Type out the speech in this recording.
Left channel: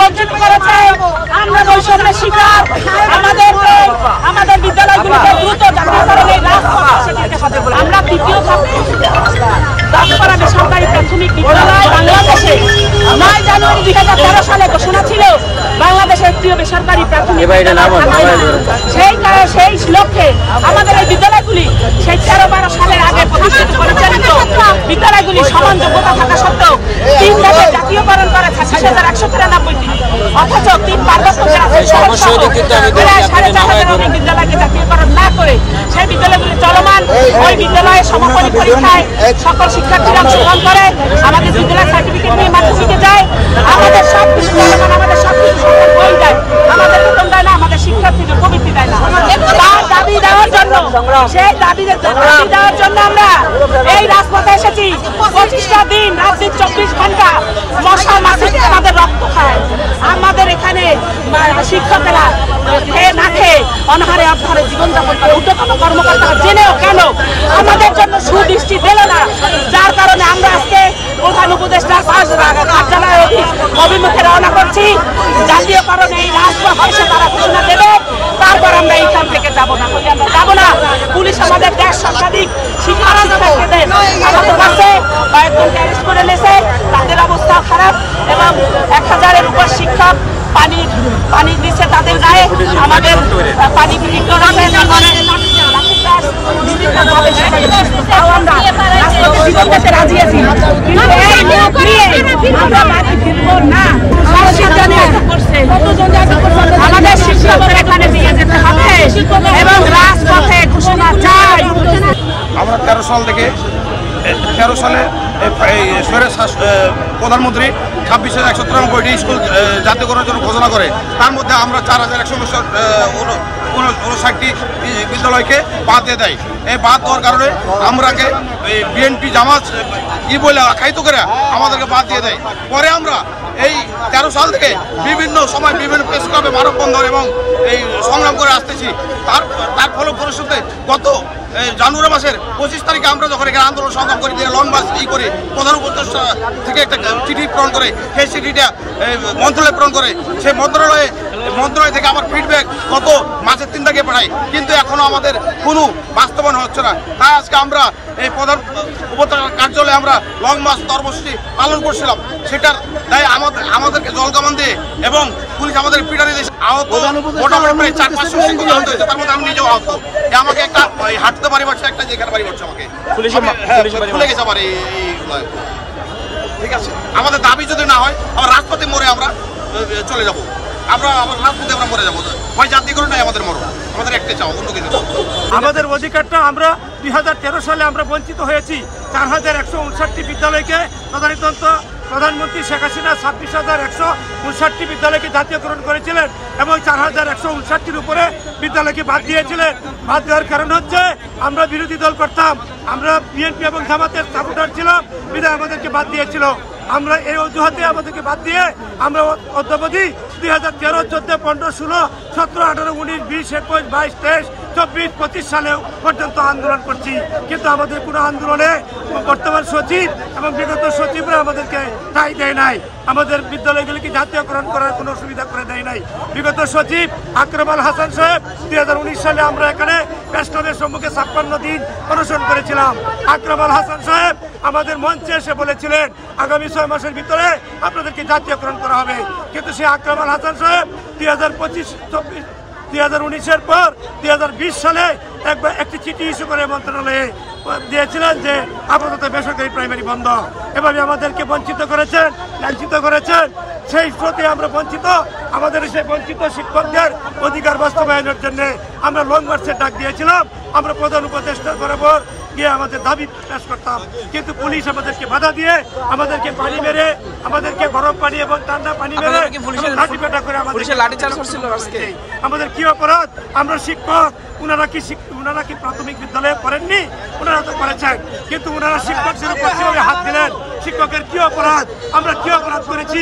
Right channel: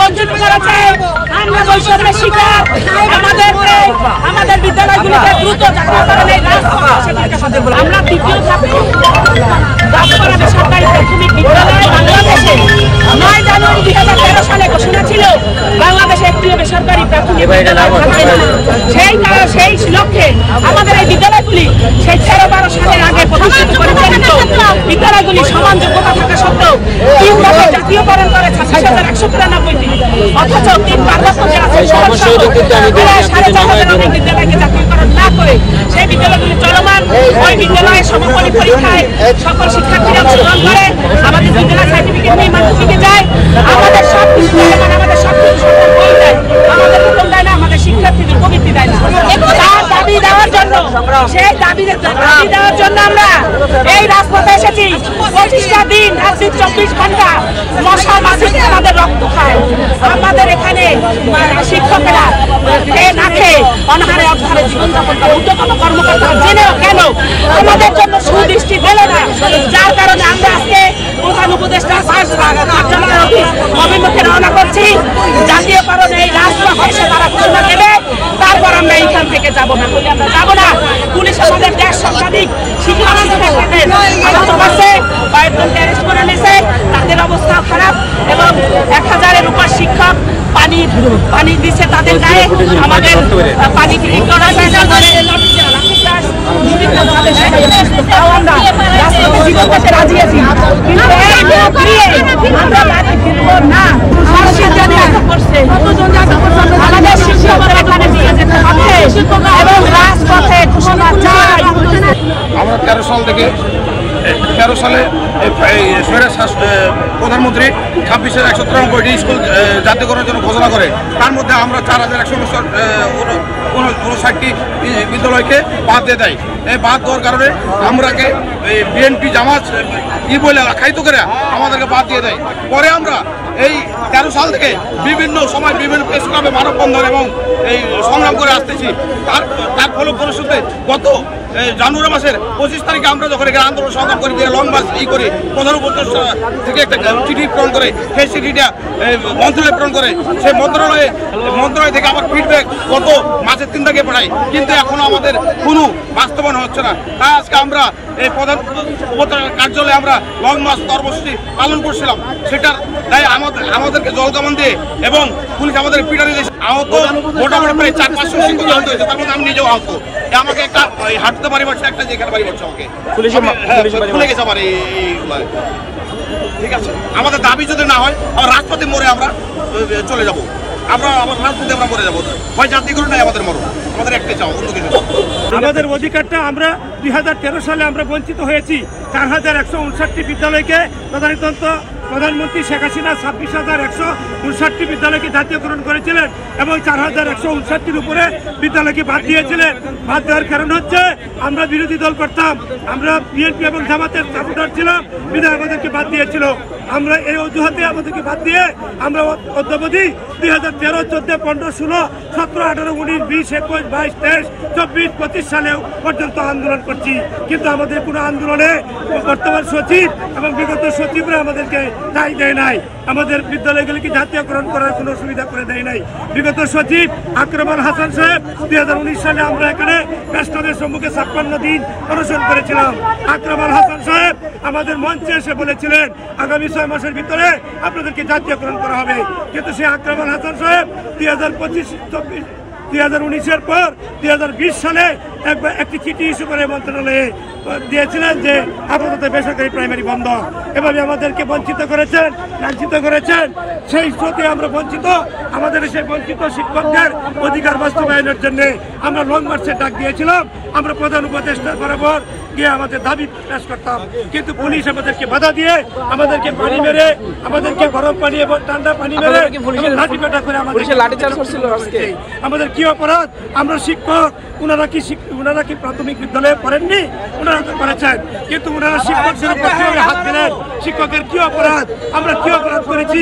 বঞ্চিত করেছে। আমরা বৈষম্যের শিকার। আমাদের বিদ্যালয়গুলিকে দ্রুত জাতীয়করণের আমরা তৃতীয় বেসরকারি প্রাথমিক বিদ্যালয় বাংলাদেশে 9 জানুয়ারি 2013 সালে ঘোষণা ছিল বাংলাদেশের একটিও বেসরকারি প্রাথমিক সেই লক্ষ্যে আমাদের এই বিদ্যালয়গুলি সেই 13-12 সালের আগে প্রতিষ্ঠিত পরিচালিত বিদ্যালয়গুলি সমান যোগ্যতা থাকা সত্ত্বেও 3 বছর জাতীয়করণ করে 26,193টি, অথচ 3 পার্বত্য জেলা বিদ্যালয়কে জাতীয়করণ না করে সেই বিদ্যালয়গুলি চলমান। ওই বিদ্যালয়ের সমাপনী পরীক্ষায় সকল শিক্ষার্থীরা অংশগ্রহণ করে আমাদের বিদ্যালয় সার্টিফিকেট নিয়ে মাধ্যমিকে যায়। আমাদের সব কিছু চলমান, আমাদের সব কিছু সকল বই দেয়, আমাদের বেতন দেয় না, আমাদের শিক্ষার্থীদের প্রবৃত্তি দেয় না। তার দাবি দেওয়ার জন্য, সেই দাবি দেওয়ার জন্য আমরা এই রাজপথে এসেছি। 25টা দিন রাত্রি 24 ঘন্টা মশা মাছি আমাদের রক্ত খায়। আমাদের এখানে শিক্ষকেরা খেয়ে না খেয়ে অনাহারে অবহারে জীবনযাপন করে। ঊর্ধ্বতন কর্মকর্তা জেনেও কেন আমাদের জন্য সুদৃষ্টি দিল না, যার কারণে আমরা আজকে প্রধান উপদেষ্টার কার্যালয়ের অভিমুখে রওনা করছি। জাতীয়করণে এই রাজপথে এসে তারা ঘোষণা দেবে, তারপর আমরা এইখান থেকে যাবো না, হলে আমরা যাবো না। পুলিশ আমাদের দেশ শতাধিক শিক্ষকদের কয়েকজনকে অ্যারেস্ট করে নিয়েছে, তাদের অবস্থাও খারাপ এবং 1000-এর উপর শিক্ষক পানি দিচ্ছে তাদের গায়ে। আমাদের পানি রাজি আছি, কিন্তু আমাদের শিক্ষকদের এখানে দিয়ে যেতে হবে এবং রাজপথে ঘোষণা চাই। আমরা 13 সাল থেকে 13 সালে প্রধানমন্ত্রী 26,193টি স্কুল জাতীয়করণের জন্য ঘোষণা করে। তার মধ্যে আমরা 4,159টি বিদ্যালয়কে বাদ দিয়ে দেয়। এই বাদ দেওয়ার কারণে আমরাকে বিএনপি জামাত বলে আখ্যায়িত করে আমাদেরকে বাদ দিয়ে দেয়। পরে আমরা এই 13 সাল থেকে বিভিন্ন সময় বিভিন্ন প্রেস ক্লাবে মানববন্ধন এবং এই সংগ্রাম করে আসতেছি। তার ফলপ্রসূতে গত জানুয়ারি মাসের 25 তারিখে আমরা যখন এখানে আন্দোলন সংগ্রাম করি, লং মার্চ করি, প্রধান উপদেষ্টা থেকে একটা চিঠি প্রেরণ করে, সেই চিঠিটা মন্ত্রণালয়ে প্রেরণ করে। সেই মন্ত্রণালয় থেকে আমার ফিডব্যাক গত মাসের 3 তারিখে পাঠাই, কিন্তু এখনো আমাদের কোনো বাস্তবায়ন হচ্ছে না। তাই আজকে আমরা এই প্রধান উপদেষ্টার কার্যালয়ে আমরা লং মার্চ কর্মসূচি পালন করছিলাম। সেটার তাই আমাদেরকে জলকামান দিয়ে এবং পুলিশ আমাদের পিটানি দিয়েছে। আহত মোটামুটি প্রায় 400-500 শিক্ষক আহত হয়েছে, তার মধ্যে আমি নিজেও আহত। আমাকে একটা হাঁটতে বাড়ি মারছে, একটা যেখানে বাড়ি মারছে আমাকে খুলে গেছে আমার এইগুলো। ঠিক আছে, আমাদের দাবি যদি না হয় আমরা রাজপথে মরে আমরা চলে যাব, আমরা রাজপথে আমরা মরে যাবো। হয় জাতীয়করণ নাই আমাদের মরণ, আমাদের একটাই চাও, অন্য কিছু। আমাদের অধিকারটা আমরা 2013 সালে আমরা বঞ্চিত হয়েছি। 4159টি বিদ্যালয়কে প্রধানমন্ত্রী শেখ হাসিনা 26,159টি বিদ্যালয়কে জাতীয়করণ করেছিলেন এবং 4159টির উপরে বিদ্যালয়কে বাদ দিয়েছিলেন। বাদ দেওয়ার কারণ হচ্ছে আমরা বিরোধী দল করতাম, আমরা বিএনপি এবং জামাতের সাপোর্টার ছিলাম, বিধায় আমাদেরকে বাদ দিয়েছিল। আমরা এই অজুহাতে আমাদেরকে বাদ দিয়ে আমরা অদ্যাবধি 2013, 14, 15, 16, 17, 18, 19, 20, 21, 22, 23, 24, 25 সালেও পর্যন্ত আন্দোলন করছি। কিন্তু আমাদের কোনো আন্দোলনে বর্তমান সচিব এবং বিগত সচিবরা আমাদেরকে ঠাঁই দেয় নাই, আমাদের বিদ্যালয়গুলিকে জাতীয়করণ করার কোনো সুবিধা করে দেয় নাই। বিগত সচিব আকরাম আল হাসান সাহেব 2019 সালে আমরা এখানে প্রেসক্লাবের সম্মুখে 56 দিন অনশন করেছিলাম। আকরাম আল হাসান সাহেব আমাদের মঞ্চে এসে বলেছিলেন আগামী 6 মাসের ভিতরে আপনাদেরকে জাতীয়করণ করা হবে, কিন্তু সেই আকরাম আল হাসান সাহেব 2019-এর পর 2020 সালে একটি চিঠি ইস্যু করে মন্ত্রণালয়ে দিয়েছিলেন যে আপাতত বেসরকারি প্রাইমারি বন্ধ। এভাবে আমাদেরকে বঞ্চিত করেছেন, লাঞ্ছিত করেছেন। সেই স্রোতে আমরা বঞ্চিত, আমাদের সেই বঞ্চিত শিক্ষকদের অধিকার বাস্তবায়নের জন্য আমরা লং মার্চের ডাক দিয়েছিলাম। আমরা প্রধান উপদেষ্টার বরাবর গিয়ে আমাদের দাবি পেশ করতাম, কিন্তু পুলিশ আমাদেরকে বাধা দিয়ে আমাদেরকে পানি মেরে, আমাদেরকে গরম পানি এবং ঠান্ডা পানি মেরে লাঠিপেটা করে আমাদের কি অপরাধ? আমরা শিক্ষক, ওনারা কি প্রাথমিক বিদ্যালয়ে পড়েননি? ওনারা তো করেছেন, কিন্তু ওনারা শিক্ষকদের উপর কিভাবে হাত দিলেন? শিক্ষকের কি অপরাধ? আমরা কি অপরাধ করেছি?